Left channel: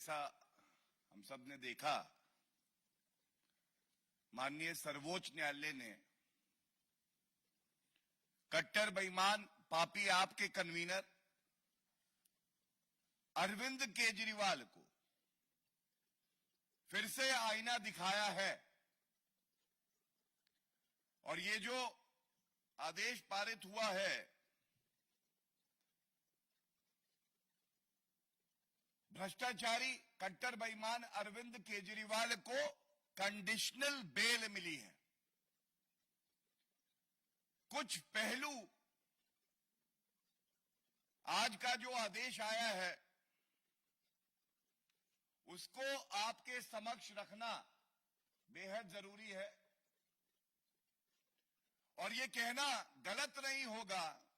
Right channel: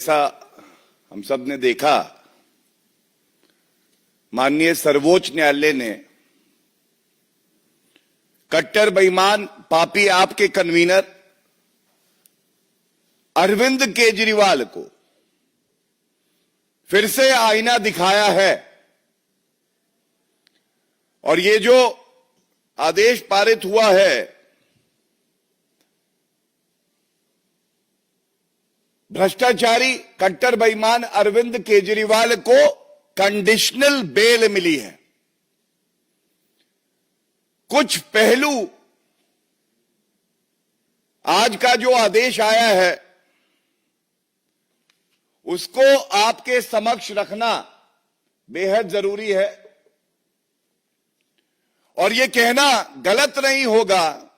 ऐसा हम सब ने देखा, माननीय सर्वोच्च न्यायालय ने कट्टर बेईमान पापी आपके कन्वीनर अरविंद केजरीवाल को फिर से आईना दिखाया है और ये जो आदेश पारित हुआ है, भ्रष्टाचारी कट्टर बेईमान अरविंद केजरीवाल को कंडीशनल बेल मिली है। कुछ पहलू आज का जो आदेश आया है उसको आपके समक्ष रखना बेहद जरूरी है और ये कहना गलत नहीं होगा,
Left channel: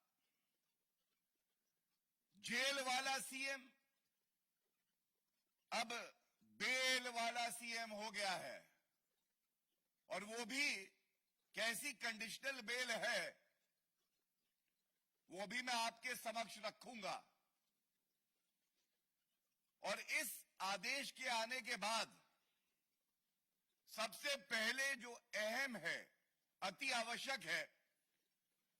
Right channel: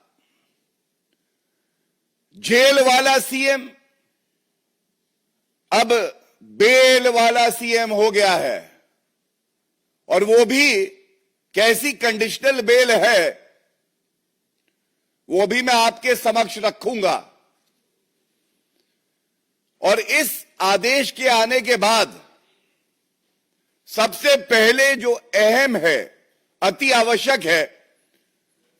जेल वाला सीएम अब बेल वाला सीएम हो गया है और वो भी कैसी कंडीशनल बेल है वो भी मैं आपके समक्ष रखूंगा। और इस आदेश के आने के बाद सबसे पहले जो अहम है, अति आवश्यक है,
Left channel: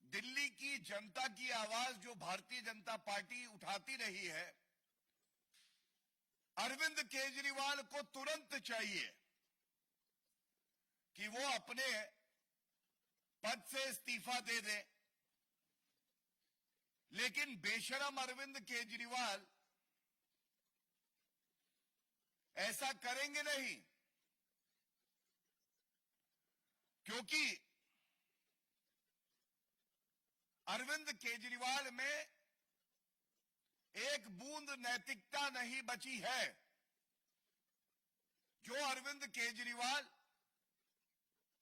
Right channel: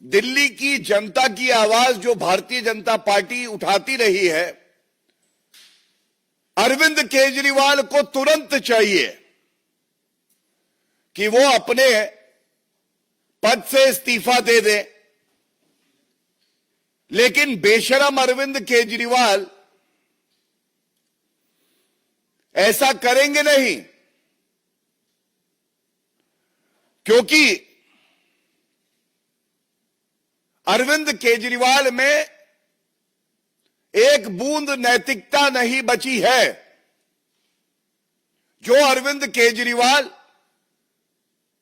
दिल्ली की जनता की आवाज जो भारतीय जनता पार्टी उठाती रही है, अरविंद केजरीवाल को तुरंत चाहिए कि वो अपने पद से इस्तीफा दे दे। लेकिन बेशरम अरविंद केजरीवाल ऐसा करेंगे नहीं, क्योंकि अरविंद केजरीवाल में एक बूंद नैतिकता नहीं बची है। जो अरविंद केजरीवाल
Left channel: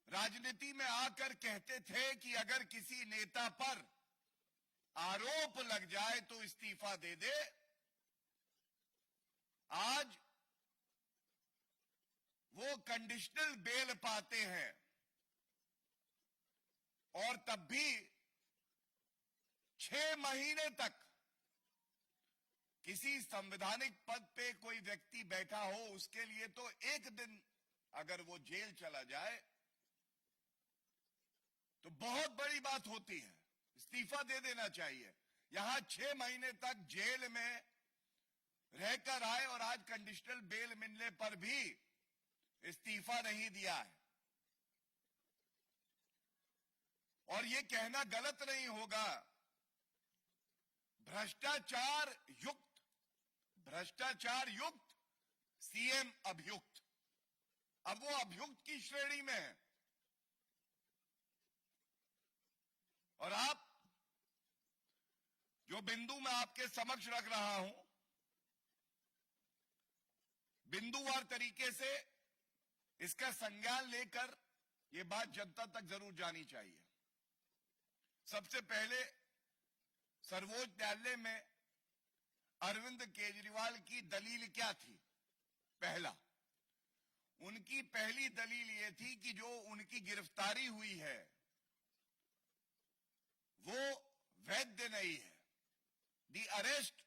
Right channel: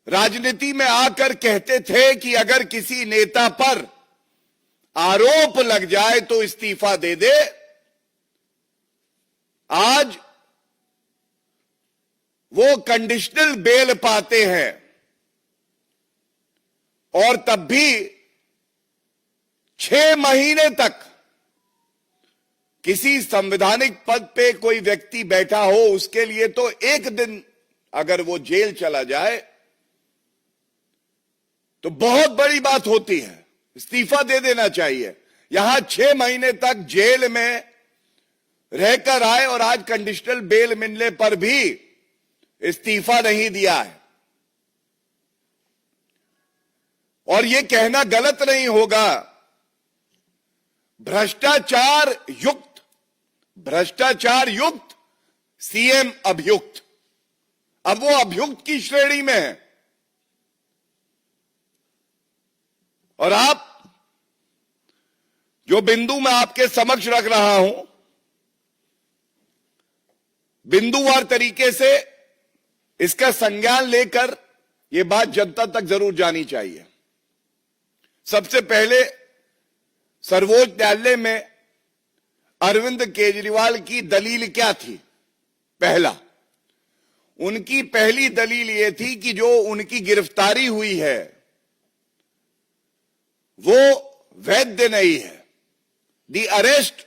राजनीति में आकर कहते थे कि अगर किसी नेता पर आरोप लग जाए तो इस्तीफा दे दे, आज वो कंडीशनल बेल पाते हैं और तब भी 6 महीने तक किसी संवैधानिक पद पे कोई व्यक्ति बैठा हो उसके लिए तो एक दिन अगर वो जेल चला जाए तो बहुत बड़ी बात होती है, इस्तीफा दे देना चाहिए। यहां 6 महीने तक जेल में रहकर आए और आज कंडीशनल बेल मिलने पर भी इस्तीफा नहीं दिया है। और यह कहना गलत नहीं होगा, भ्रष्टाचार युक्त सीएम अभियुक्त, अब वो अभियुक्त की श्रेणी में है। और आप जो बिंदु मैं आपके समक्ष रख रहा हूं, बिंदुवार तरीके से इसका संज्ञान लेकर यह बात जनता तक जरूर जानी चाहिए। सबसे पहले सर्वोच्च न्यायालय में अरविंद केजरीवाल की दलील क्या थी? पहला, उनकी पहली दलील यह थी कि जो उनकी गिरफ्तारी हुई है वो वैध नहीं है। The arrest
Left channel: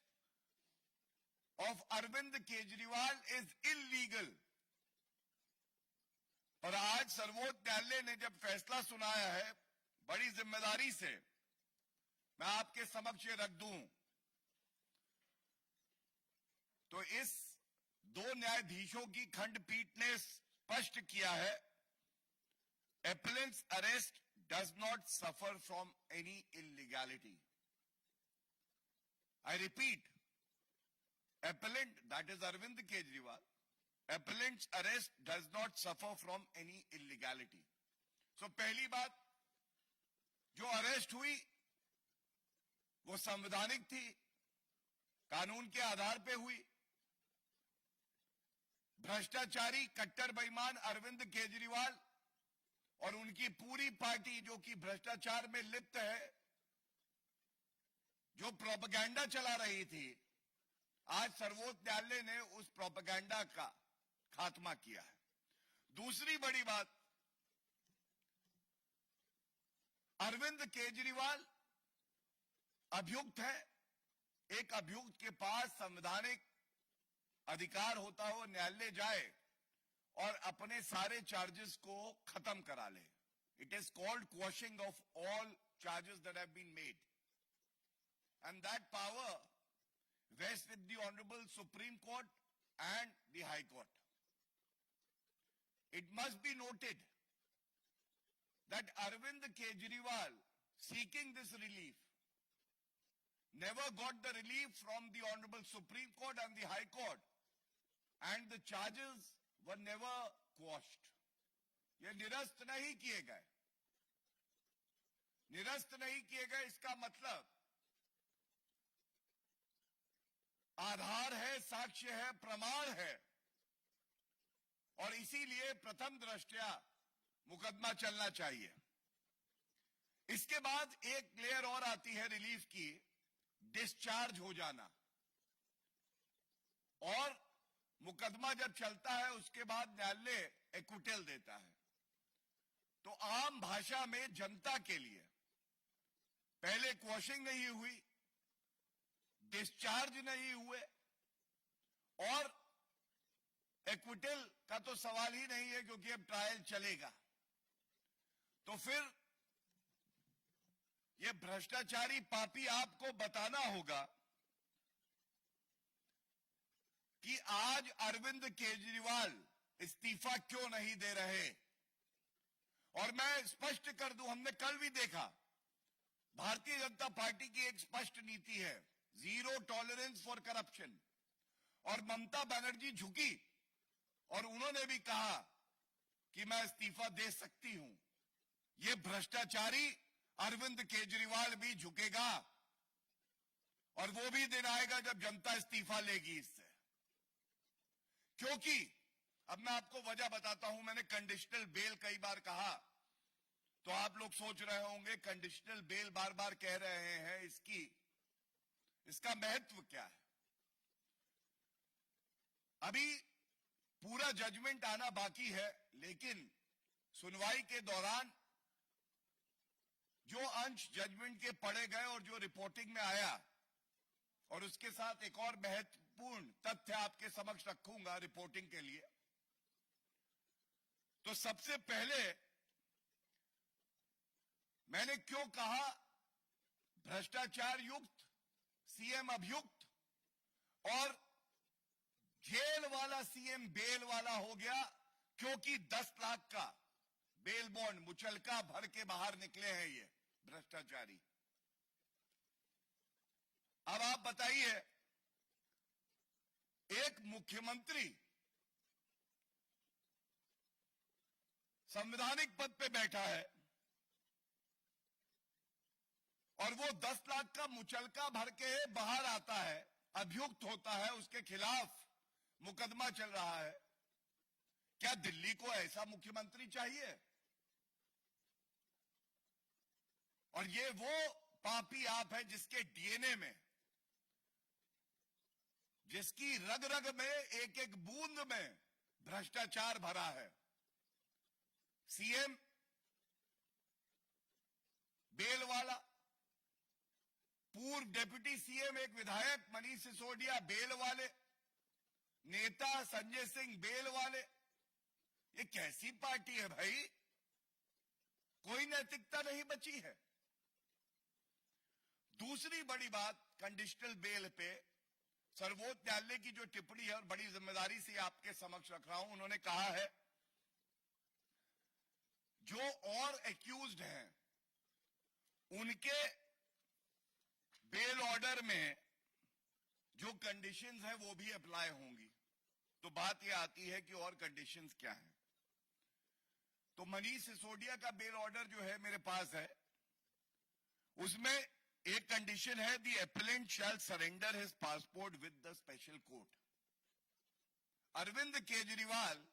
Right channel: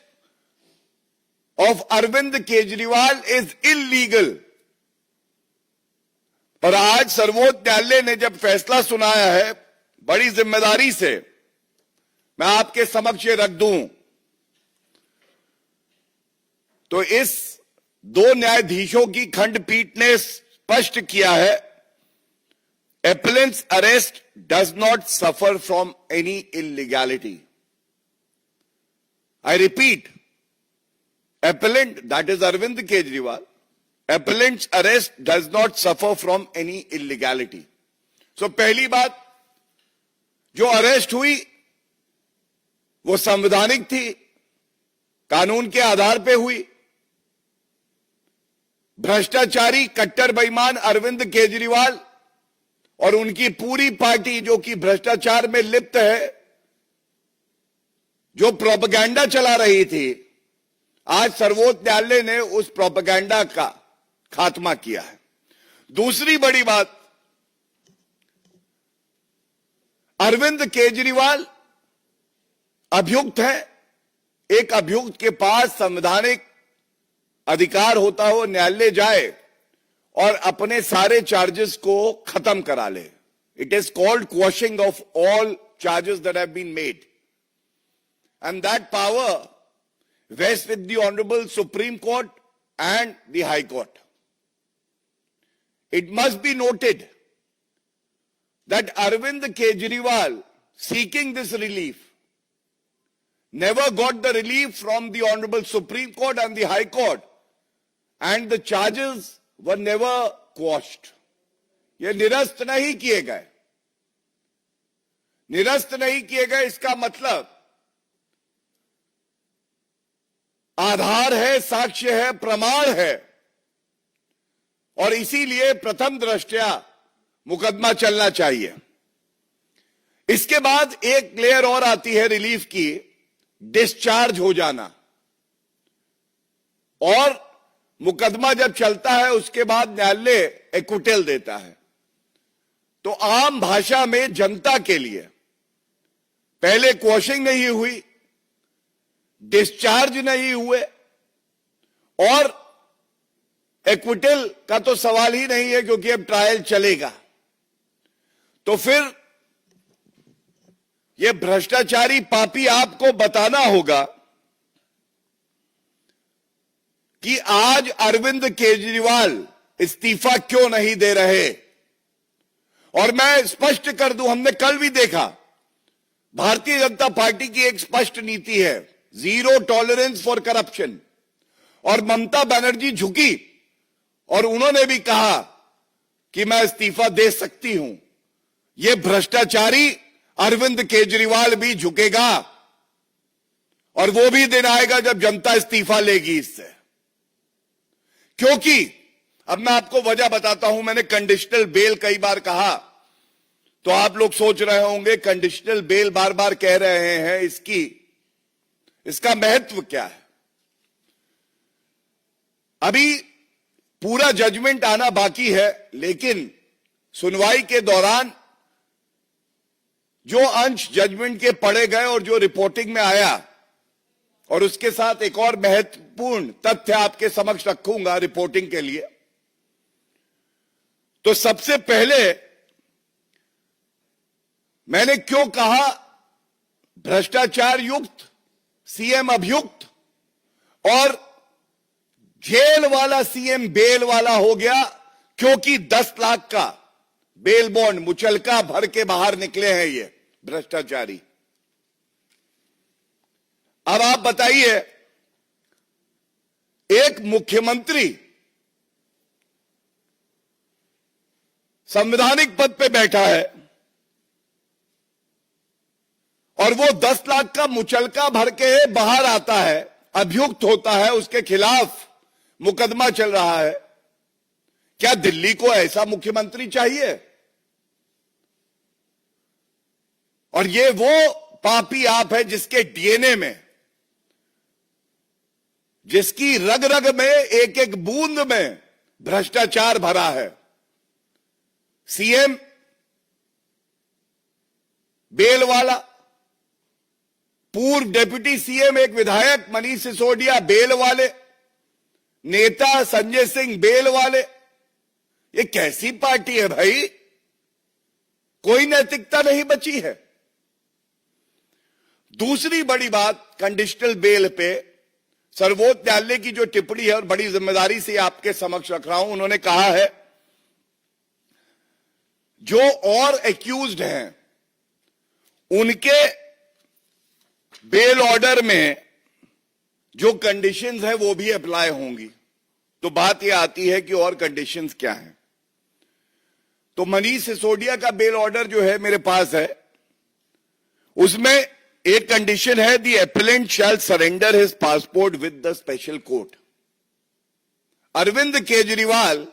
of Arvind Kejriwal is illegal. पर आज सर्वोच्च न्यायालय ने जब फैसला सुनाया है, बड़ी जिम्मेदारी से मैं आपके समक्ष रख दूं, तो इस 2 न्यायाधीशों की खंडपीठ ने स्पष्ट किया है, appellant's arrest does not suffer from any illegality. I repeat, appellant, that is Arvind Kejriwal, appellant's arrest does not suffer from any illegality. So पहली बात, जो अरेस्ट हुई वो संवैधानिक थी, कानून के आधार पे हुई। भ्रष्टाचारी कट्टर बेईमान अरविंद केजरीवाल और उनकी पूरी पार्टी जो कि भ्रष्टाचार में लिप्त है, जो प्रोपेगेंडा चला रही थी, आज सर्वोच्च न्यायालय ने उस प्रोपेगेंडा का खात्मा किया है। दूसरी बड़ी बात, अरविंद केजरीवाल अभियुक्त है। एक अभियुक्त के पास संवैधानिक अधिकार होता हो न्यायालय जाए और अपने सारे चार्जेस को खत्म करा ले. It is called quashing of all charges that have been made, and that power vests with the Honorable Supreme Court and the High Court. It must be noted that Arvind Kejriwal, seeking this relief, never got the relief from the Honorable Supreme Court and the High Court, and the charges were never quashed. ये निरस्त नहीं किए गए. निरस्त नहीं किए गए इसका मतलब आधार है, साक्ष्य है, प्रमाण है, और इसीलिए प्रथम दृष्टया मुकदमा चलना चाहिए. इसके बाद एक लेयर और आती है रिलीफ की, डिस्चार्ज हो जाना. और मुकदमा जब चलता है उसके बाद न्यायालय एक्विटल देता है. तो आम भाषा में जनता के लिए पहले क्वॉशिंग नहीं हुई, डिस्चार्ज नहीं हुए, और एक्विटल का तो सवाल ही नहीं है क्योंकि अब ट्रायल चलेगा. तो फिर यह भ्रष्टाचारी पापी आपको बताना होगा कि आज अरविंद केजरीवाल इस्तीफा क्यों नहीं दे रहे. और मैं स्पष्ट कर दूं, हमने कल भी देखा भारतीय जनता पार्टी की एक स्पष्ट नीति है, जीरो टॉलरेंस फॉर करप्शन. और ममता बनर्जी झुकी और उन्होंने भी कहा कि मैं इस्तीफा दे सकती हूं. यह भ्रष्टाचारी अरविंद केजरीवाल भी झुकेगा, और वो भी दिन आएगा जब जनता इस्तीफा लेगी इससे. क्योंकि अब मैं आपको वजह बताता हूं. मैंने कंडीशनल बेल कई बार कहा, तो आप लोग सोच रहे होंगे कंडीशनल बेल बार बार कह रहे हैं, इसका महत्व क्या है. अभी पूरा जजमेंट आना बाकी है, लेकिन सुनवाई के दौरान जो अंश जजमेंट के पढ़े गए और जो रिपोर्टिंग में आया, और उसके साथ एक और महत्वपूर्ण तथ्य आपके समक्ष रखूंगा रिपोर्टिंग के लिए. तो सबसे पहले मैंने क्यों कहा भ्रष्टाचार युक्त, सीएम अभियुक्त, और जेल वाला सीएम बेल वाला हो गया, क्योंकि 10 लाख का बेल बॉन्ड मुचलका भर के बाहर निकले हैं ये भ्रष्टाचारी. अब आप बताइए, एक मुख्यमंत्री संवैधानिक पद पे बैठा है और वो 10 लाख का मुचलका भर के बाहर आता है, अभियुक्त होता है, उसके खिलाफ मुकदमा चल रहा है. क्या दिल्ली को ऐसा मुख्यमंत्री चाहिए? और ये वो पापी आप है जिसके डीएनए में, जिसकी रग रग में, एक एक बूंद में भ्रष्टाचार भरा है. सीएम बेल वाला, पूर्व डिप्टी सीएम एक विधायक मनीष सिसोदिया बेल वाले, नेता संजय सिंह बेल वाले. ये कैसी पार्टी है भाई? कोई नैतिकता नहीं बची है. दूसरी बड़ी बात, कंडीशनल बेल पे सर्वोच्च न्यायालय की जो टिप्पणी है, और बड़ी जिम्मेदारी से आपके समक्ष रख रहा हूं, उन्होंने कहा है जो और एक्यूज्ड हैं उनके बेल ऑर्डर में जो कंडीशंस है वो भी अप्लाई होंगी. तो बात यह आती है कि और कंडीशंस क्या हैं. तो मनीष सिसोदिया का बेल ऑर्डर जो है मेरे पास है, उसमें एक कंडीशन है, the appellant shall surrender his passport with the special court. Arvind Kejriwal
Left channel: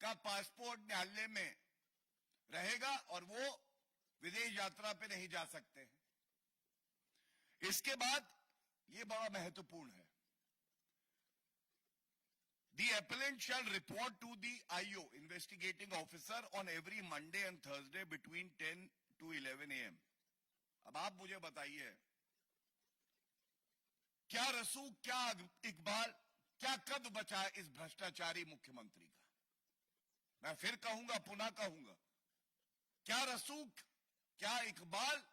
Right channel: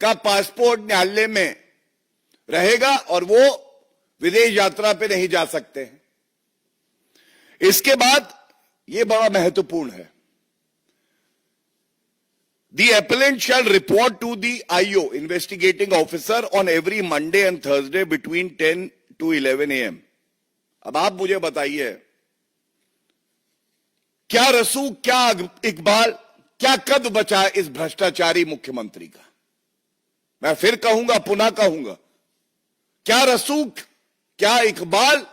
का पासपोर्ट न्यायालय में रहेगा और वो विदेश यात्रा पे नहीं जा सकते हैं. इसके बाद ये बड़ा महत्वपूर्ण है, the appellant shall report to the IO investigating officer on every Monday and Thursday between 10 to 11 AM. अब आप मुझे बताइए, क्या रसूख, क्या इकबाल, क्या कद बचा इस भ्रष्टाचारी मुख्यमंत्री का? मैं फिर कहूंगा, पुनः कहूंगा, क्या रसूख, क्या इकबाल,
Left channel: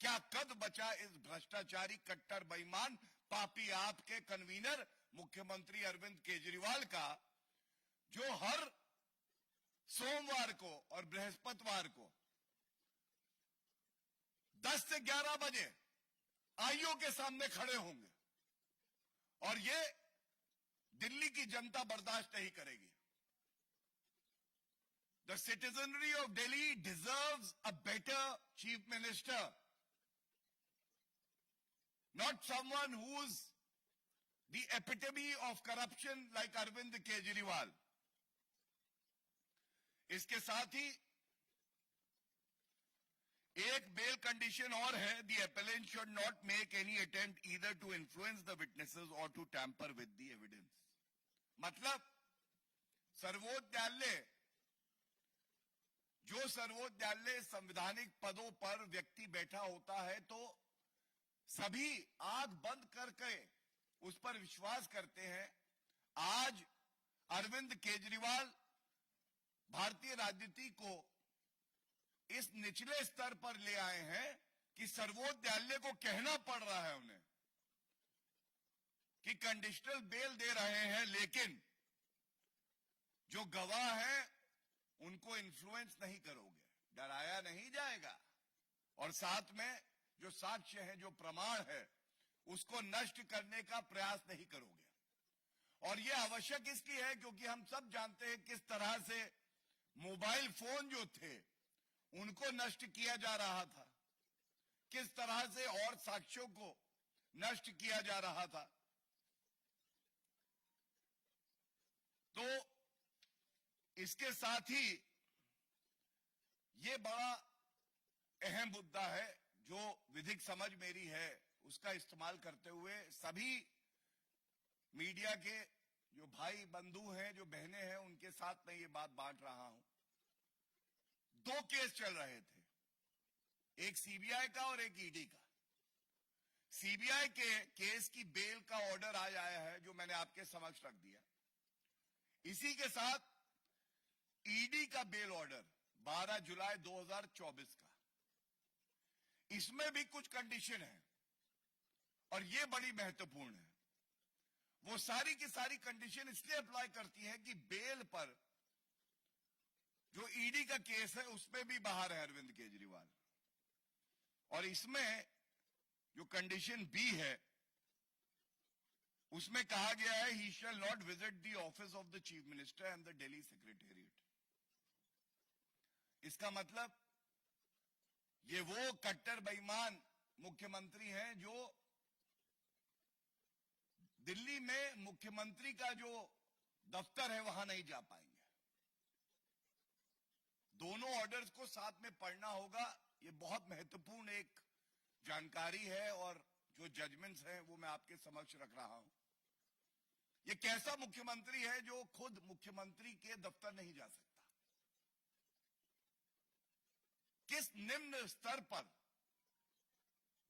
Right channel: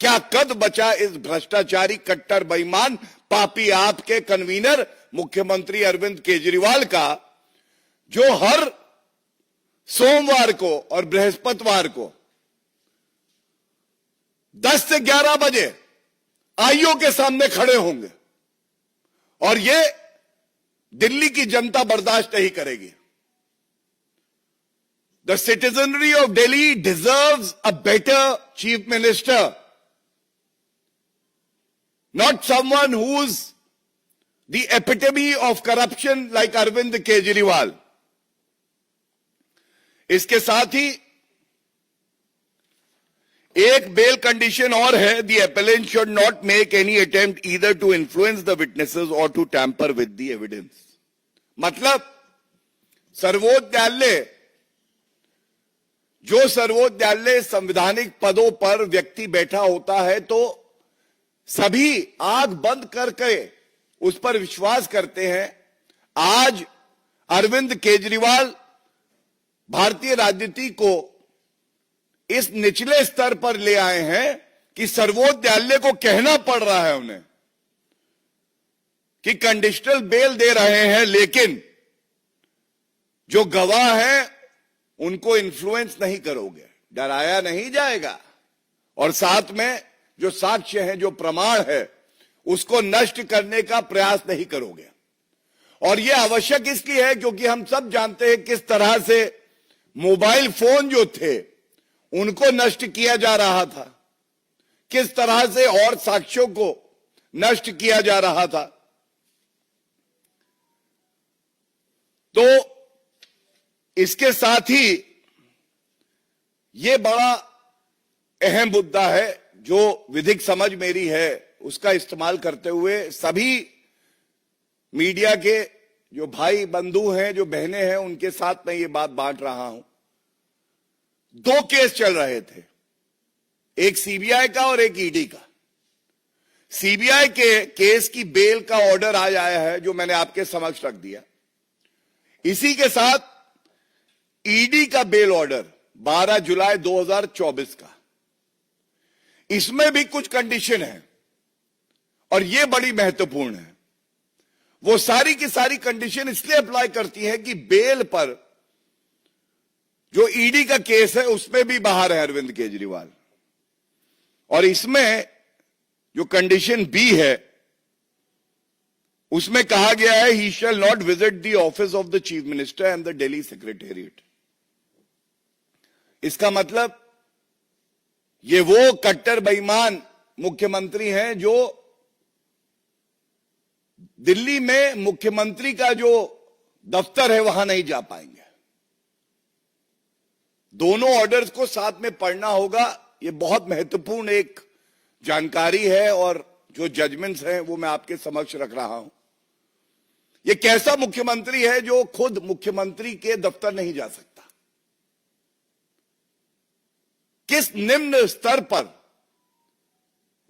क्या कद बचा इस भ्रष्टाचारी कट्टर बेईमान पापी आपके कन्वीनर मुख्यमंत्री अरविंद केजरीवाल का, जो हर सोमवार को और बृहस्पतिवार को 10 से 11 बजे आईओ के सामने खड़े होंगे और ये दिल्ली की जनता बर्दाश्त नहीं करेगी। The citizenry of Delhi deserves a better chief minister, not someone who's the epitome of corruption like Arvind Kejriwal. इसके साथ ही एक बेल कंडीशन और है, the appellant should not make any attempt either to influence the witnesses or to tamper with the evidence. मतलब सर्वोच्च न्यायालय, जो सर्वोच्च न्यायालय संवैधानिक पदों पर व्यक्ति बैठा होता है तो सभी आंख बंद करके उस पर विश्वास करते हैं। आज अरविंद केजरीवाल भारतीय राजनीति को इस निचले स्तर पर ले आए हैं कि सर्वोच्च न्यायालय को कहना पड़ रहा है उन्हें कि कंडीशनल बेल दे रहे हैं, लेकिन जो गवाह हैं उनको इन्फ्लुएंस नहीं करोगे, डराया नहीं जाएगा, और साथ में जो साक्ष्य है, जो प्रमाण है, उसको नष्ट करने का प्रयास नहीं करोगे। और यह आवश्यक इसलिए है क्योंकि हम सब जानते हैं किस तरह से मोबाइल फोन जो थे उनको नष्ट किया जा रहा था, किस तरह से और साक्ष्यों को नष्ट किया जा रहा था। तो इसके साथ ही ये बड़ा अहम मुद्दा है जो विधिक समझ मेरी है उसका इस्तेमाल करते हुए सभी मीडिया के जो भाई बंधु हैं, जो बहनें हैं, उनके साथ मैं ये बात बांट रहा हूं। 2 केस चल रहे थे, एक सीबीआई का और एक ईडी का। सीबीआई के केस की बेल का ऑर्डर आज आया है जो मैंने आपके समक्ष रख दिया। इसी के साथ ईडी का बेल ऑर्डर 12 जुलाई 2024 का, इसमें भी कुछ कंडीशन है और यह बड़ी महत्वपूर्ण है। वो सारी की सारी कंडीशन इसलिए अप्लाई करती है कि बेल पर जो ईडी का केस है उसमें भी बाहर है अरविंद केजरीवाल, और इसमें जो कंडीशन बी है उसमें कहा गया है he shall not visit the office of the chief minister and the Delhi secretariat. इसका मतलब ये वो कट्टर बेईमान मुख्यमंत्री हैं जो दिल्ली में मुख्यमंत्री का जो दफ्तर है वहां नहीं जा पाएंगे। दोनों ऑर्डर्स को साथ में पढ़ना होगा, ये बहुत महत्वपूर्ण एक जानकारी है और जो जजमेंट्स हैं वो मैं आपके समक्ष रख रहा हूं। ये कैसा मुख्यमंत्री है जो खुद मुख्यमंत्री के दफ्तर नहीं जा सकता, किस निम्न स्तर पर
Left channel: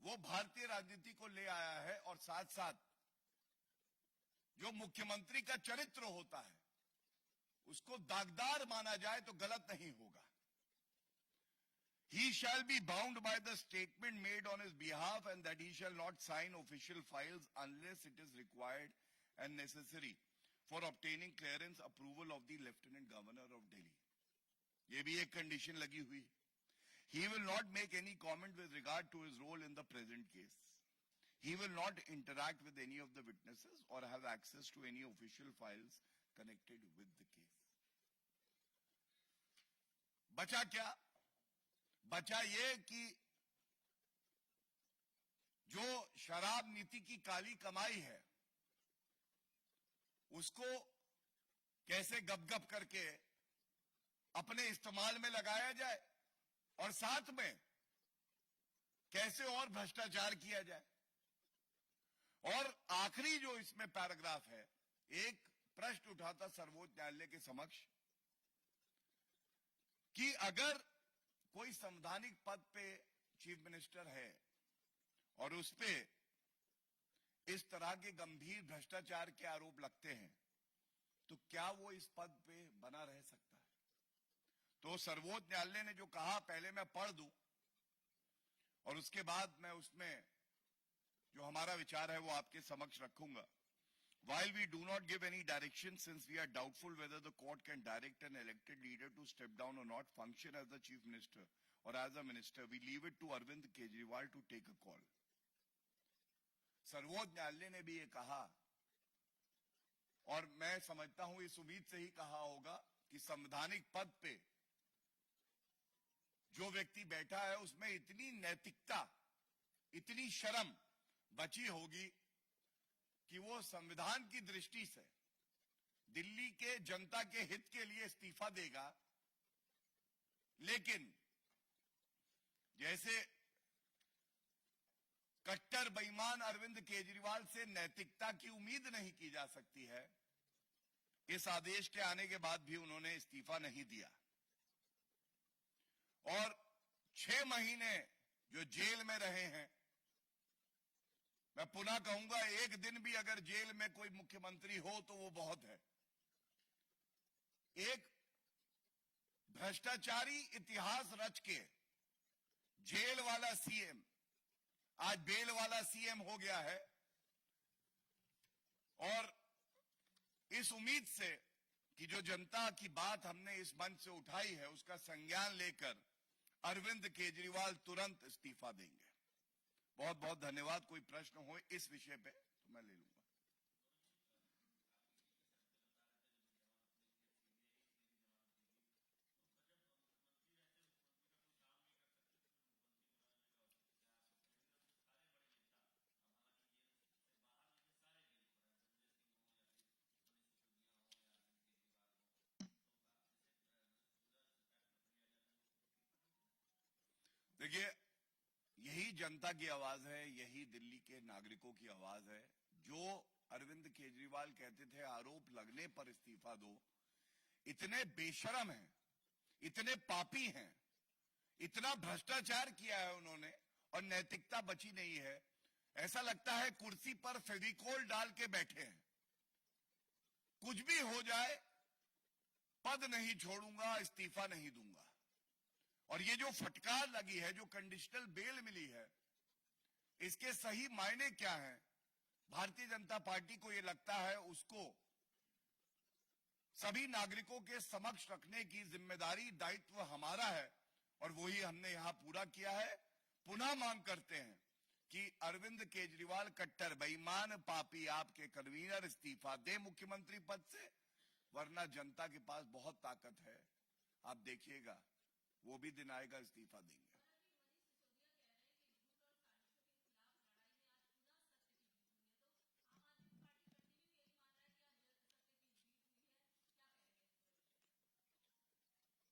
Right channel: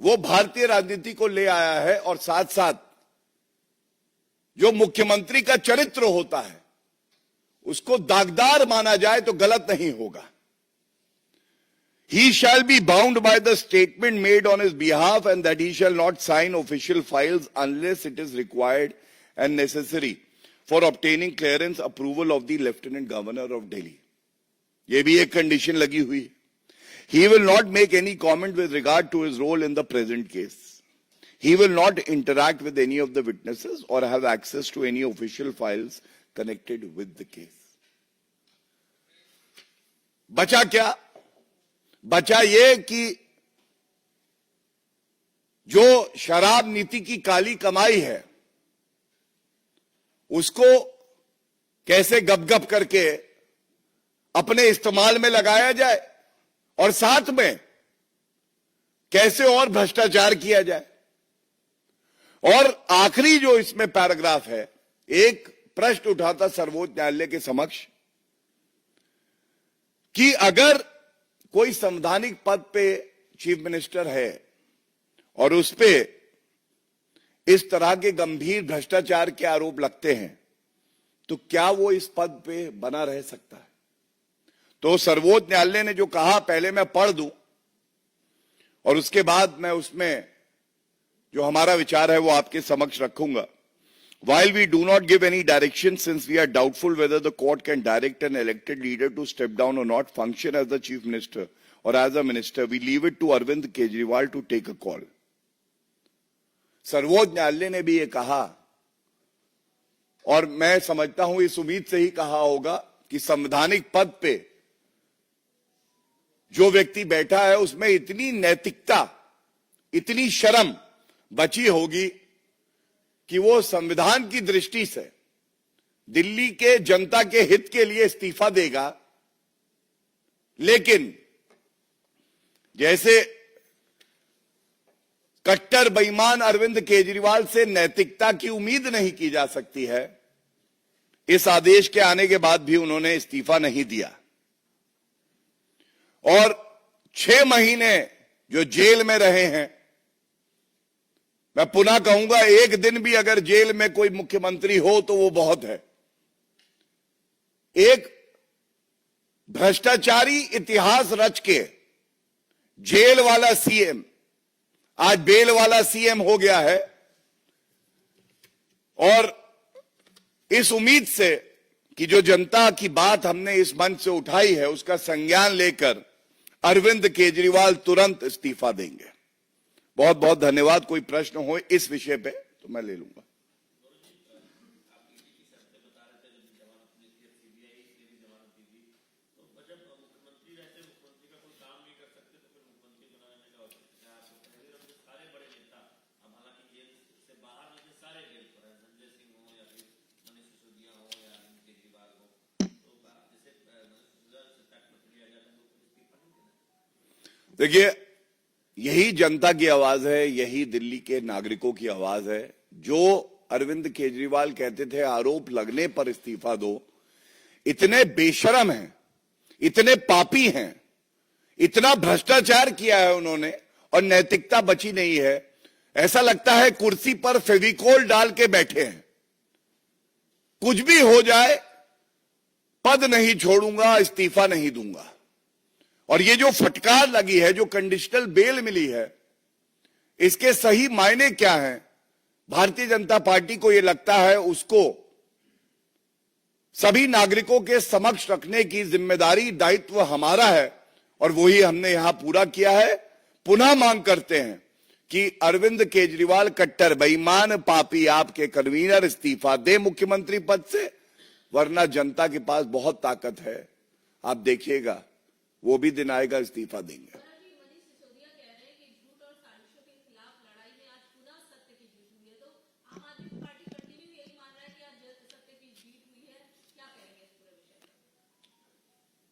वो भारतीय राजनीति को ले आया है, और साथ साथ जो मुख्यमंत्री का चरित्र होता है उसको दागदार माना जाए तो गलत नहीं होगा। He shall be bound by the statement made on his behalf and that he shall not sign official files unless it is required and necessary for obtaining clearance approval of the Lieutenant Governor of Delhi. ये भी एक condition लगी हुई है। He will not make any comment with regard to his role in the present case. He will not interact with any of the witnesses or have access to any official files connected with the case. बचा क्या? बचा ये कि जो शराब नीति की काली कमाई है उसको कैसे गप-गप करके अपने इस्तेमाल में लगाया जाए और साथ में कैसे और भ्रष्टाचार किया जाए। और आखिरी जो इसमें पैराग्राफ है, एक प्रश्न उठाता सर्वोच्च न्यायालय के समक्ष कि अगर कोई संवैधानिक पद पे चीफ मिनिस्टर है और उस पे इस तरह के गंभीर भ्रष्टाचार के आरोप लगते हैं तो क्या वो इस पद पे बना रह सकता है? तो सर्वोच्च न्यायालय ने जो कहा, पहले मैं पढ़ दूं और उसके बाद मैं उसमें जो हमारा विचार है वो आपके समक्ष रखूंगा. While we do not give any direction, since we are doubtful whether the court can direct an elected leader to step down or not, function as the chief minister or as a minister, we leave it to Arvind Kejriwal to take a call. सर्वोच्च न्यायालय ने भी ये कहा और मैं समझता हूं इस उम्मीद से ही कहा होगा कि संवैधानिक पद पे जो व्यक्ति बैठा है उसमें इतनी नैतिकता, इतनी शर्म बची होगी कि वो संविधान की दृष्टि से दिल्ली के जनता के हित के लिए इस्तीफा देगा, लेकिन जैसे कट्टर बेईमान अरविंद केजरीवाल से नैतिकता की उम्मीद नहीं की जा सकती है, इस आदेश के आने के बाद भी उन्होंने इस्तीफा नहीं दिया और 6 महीने जो जेल में रहे हैं. मैं पुनः कहूंगा, एक दिन भी अगर जेल में कोई मुख्यमंत्री हो तो वो बहुत है. एक भ्रष्टाचारी इतिहास रच के जेल वाला सीएम आज बेल वाला सीएम हो गया है और इस उम्मीद से कि जो जनता की बात हमने इस मंच से उठाई है उसका संज्ञान लेकर अरविंद केजरीवाल तुरंत इस्तीफा देंगे. बहुत बहुत धन्यवाद. कोई प्रश्न हो इस विषय पे तो मैं ले लूंगा. देखिए, यही जनता की आवाज है, यही दिल्ली के नागरिकों की आवाज है. जो अरविंद केजरीवाल कहते थे आरोप लगने पर इस्तीफा दो, इतने बेशरम हैं, इतने पापी हैं, इतना भ्रष्टाचार किया है उन्होंने और नैतिकता बची नहीं है. ऐसा लगता है कुर्सी पर फेविकोल डाल के बैठे हैं. कुछ भी हो जाए, पद नहीं छोड़ूंगा, इस्तीफा नहीं दूंगा. और ये जो फटकार लगी है, जो कंडीशनल बेल मिली है, इसके सही मायने क्या हैं? भारतीय जनता पार्टी को यह लगता है उसको सभी नागरिकों के समक्ष रखने की जिम्मेदारी, दायित्व हमारा है और वही हमने यहां पूरा किया है. पुनः मांग करते हैं कि अरविंद केजरीवाल कट्टर बेईमान पापी आपके कन्वीनर इस्तीफा दे मुख्यमंत्री पद से, वरना जनता के पास बहुत ताकत है. आप देखिएगा वो भी दिन आएगा, इस्तीफा देंगे.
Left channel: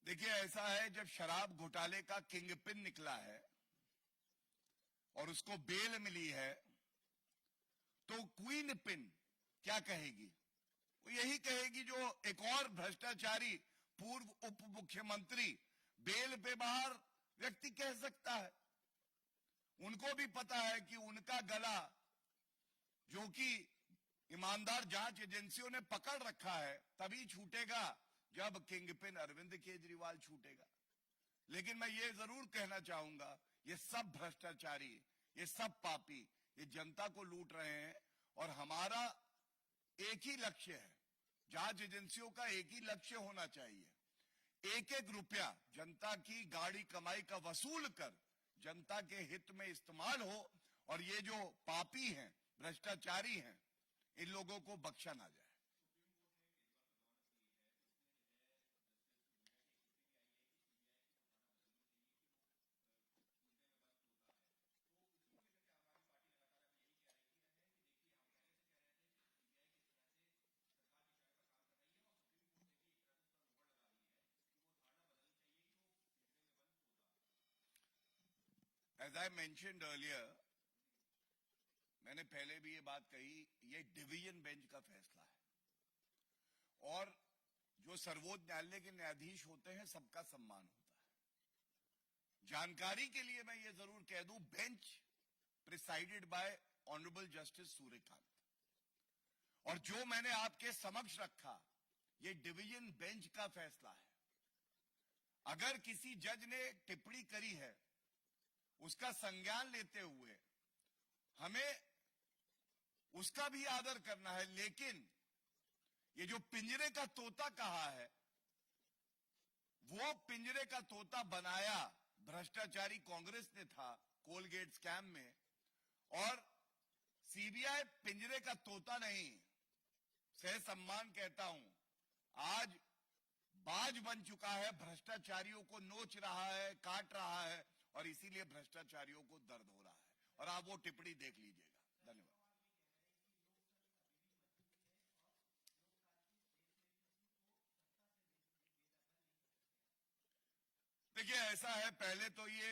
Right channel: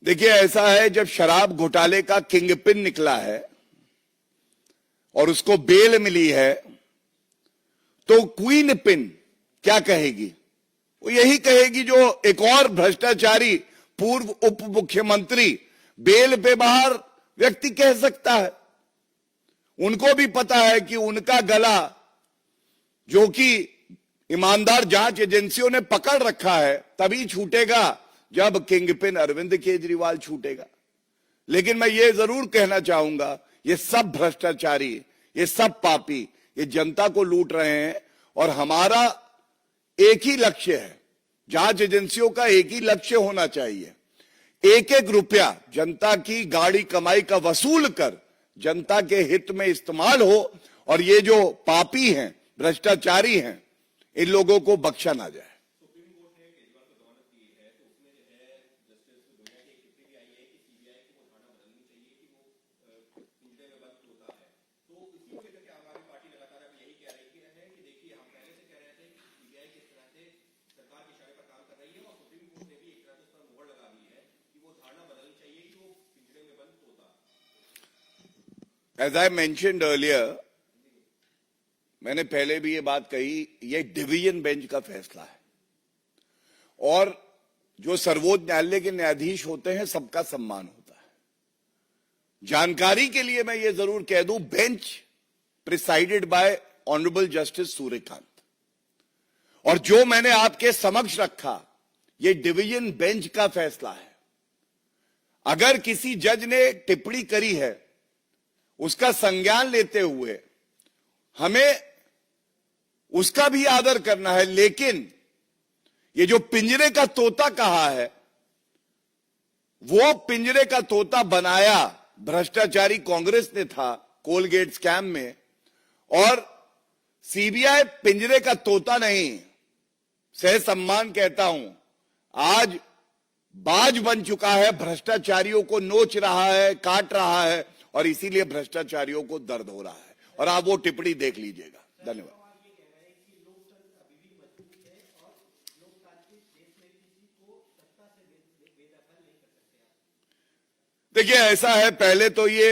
देखिए, ऐसा है, जब शराब घोटाले का किंगपिन निकला है और उसको बेल मिली है तो क्वीन पिन क्या कहेगी? वो यही कहेगी जो एक और भ्रष्टाचारी पूर्व उप मुख्यमंत्री बेल पे बाहर व्यक्ति कह सकता है. उनको भी पता है कि उनका गला, जो कि ईमानदार जांच एजेंसियों ने पकड़ रखा है, तभी छूटेगा जब किंगपिन अरविंद केजरीवाल छूटेगा. लेकिन मैं ये जरूर कहना चाहूंगा, ये सब भ्रष्टाचारी, ये सब पापी, ये जनता को लूट रहे हैं और हमारा एक ही लक्ष्य है, जांच एजेंसियों का एक ही लक्ष्य होना चाहिए, एक एक रुपया जनता की गाड़ी कमाई का वसूल कर जनता के हित में इस्तेमाल हो और ये जो पापी हैं, भ्रष्टाचारी हैं, इन लोगों को बख्शा ना जाए. As I mentioned earlier, मैंने पहले भी ये बात कही, ये डिवीजन बेंच का फैसला है और जो सर्वोच्च न्यायालय के न्यायाधीश होते हैं सबका सम्मान होता है. जानकारी के लिए मैं ये जरूर कह दूं, bench presided bye honourable justice Suryakant. और जो मैंने आपके समक्ष रखा, ये डिवीजन बेंच का फैसला है। अगर किसी जज ने टिप्पणी करी है, उसका संज्ञान लेते हुए हमें उसका भी आदर करना है, लेकिन ये जो पिंजरे का तोता कहा है, वो पिंजरे का तोता बनाया भ्रष्टाचारी कांग्रेस ने था कोलगेट स्कैम में, और सीबीआई पिंजरे का तोता नहीं, सह सम्मान कहता हूं, आज बाज बन चुका है, भ्रष्टाचारियों को नोच रहा है, काट रहा है, और इसीलिए भ्रष्टाचारियों को दर्द हो रहा है। और आप वो टिप्पणी देख लीजिएगा। धन्यवाद। देखिए, ऐसा है, पहले तो ये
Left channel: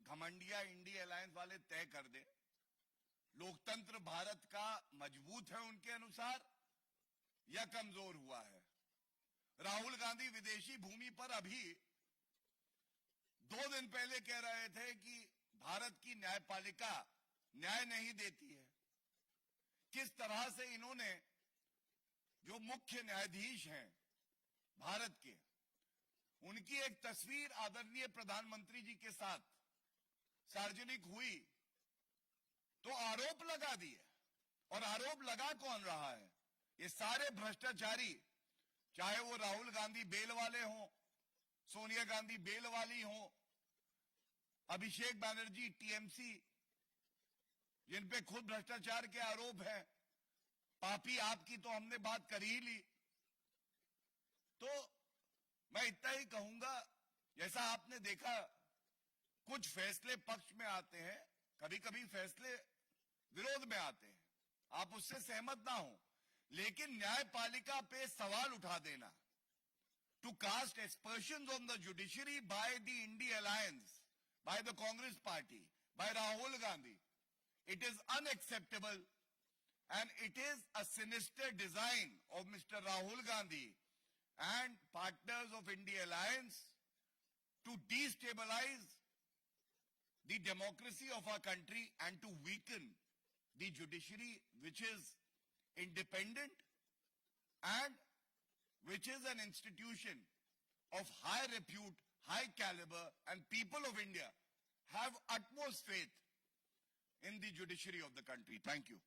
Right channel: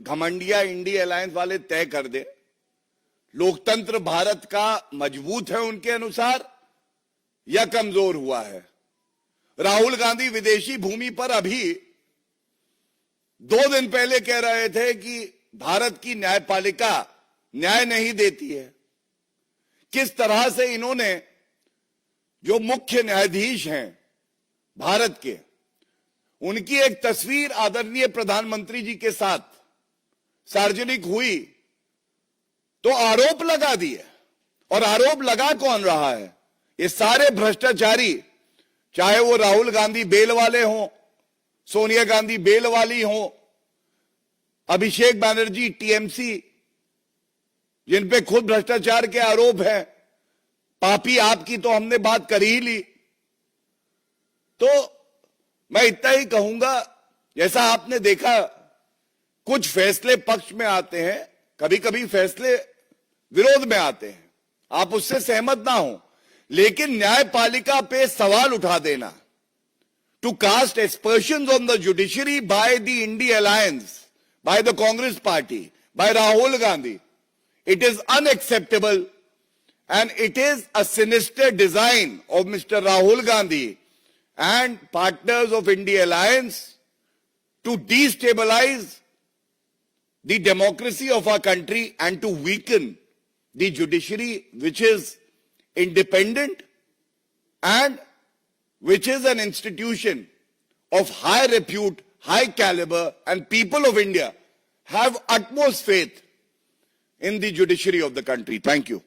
घमंडिया इंडी अलायंस वाले तय कर दे, लोकतंत्र भारत का मजबूत है उनके अनुसार या कमजोर हुआ है। राहुल गांधी विदेशी भूमि पर अभी 2 दिन पहले कह रहे थे कि भारत की न्यायपालिका न्याय नहीं देती है। किस तरह से इन्होंने, जो मुख्य न्यायाधीश हैं भारत के, उनकी एक तस्वीर आदरणीय प्रधानमंत्री जी के साथ सार्वजनिक हुई तो आरोप लगा दिए। और आरोप लगा कौन रहा है? ये सारे भ्रष्टाचारी, चाहे वो राहुल गांधी बेल वाले हों, सोनिया गांधी बेल वाली हों, अभिषेक बैनर्जी टीएमसी, जिन पे खुद भ्रष्टाचार के आरोप हैं, पापी आपकी तो हमने बात कर ही ली। तो मैं इतना ही कहूंगा, जैसा आपने देखा कुछ फैसले पक्ष में आते हैं, कभी कभी फैसले विरोध में आते हैं, आप उससे सहमत ना हो, लेकिन न्यायपालिका पे सवाल उठा देना, to cast aspersions on the judiciary by the INDI alliance, by the Congress party, by Rahul Gandhi, it is unacceptable and it is a sinister design of Mr. Rahul Gandhi and partners of India Alliance to destabilize the democracy of our country and to weaken the judiciary, which is independent and which is an institution of high repute, high caliber, and people of India have utmost faith in the judiciary of the country. Thank you.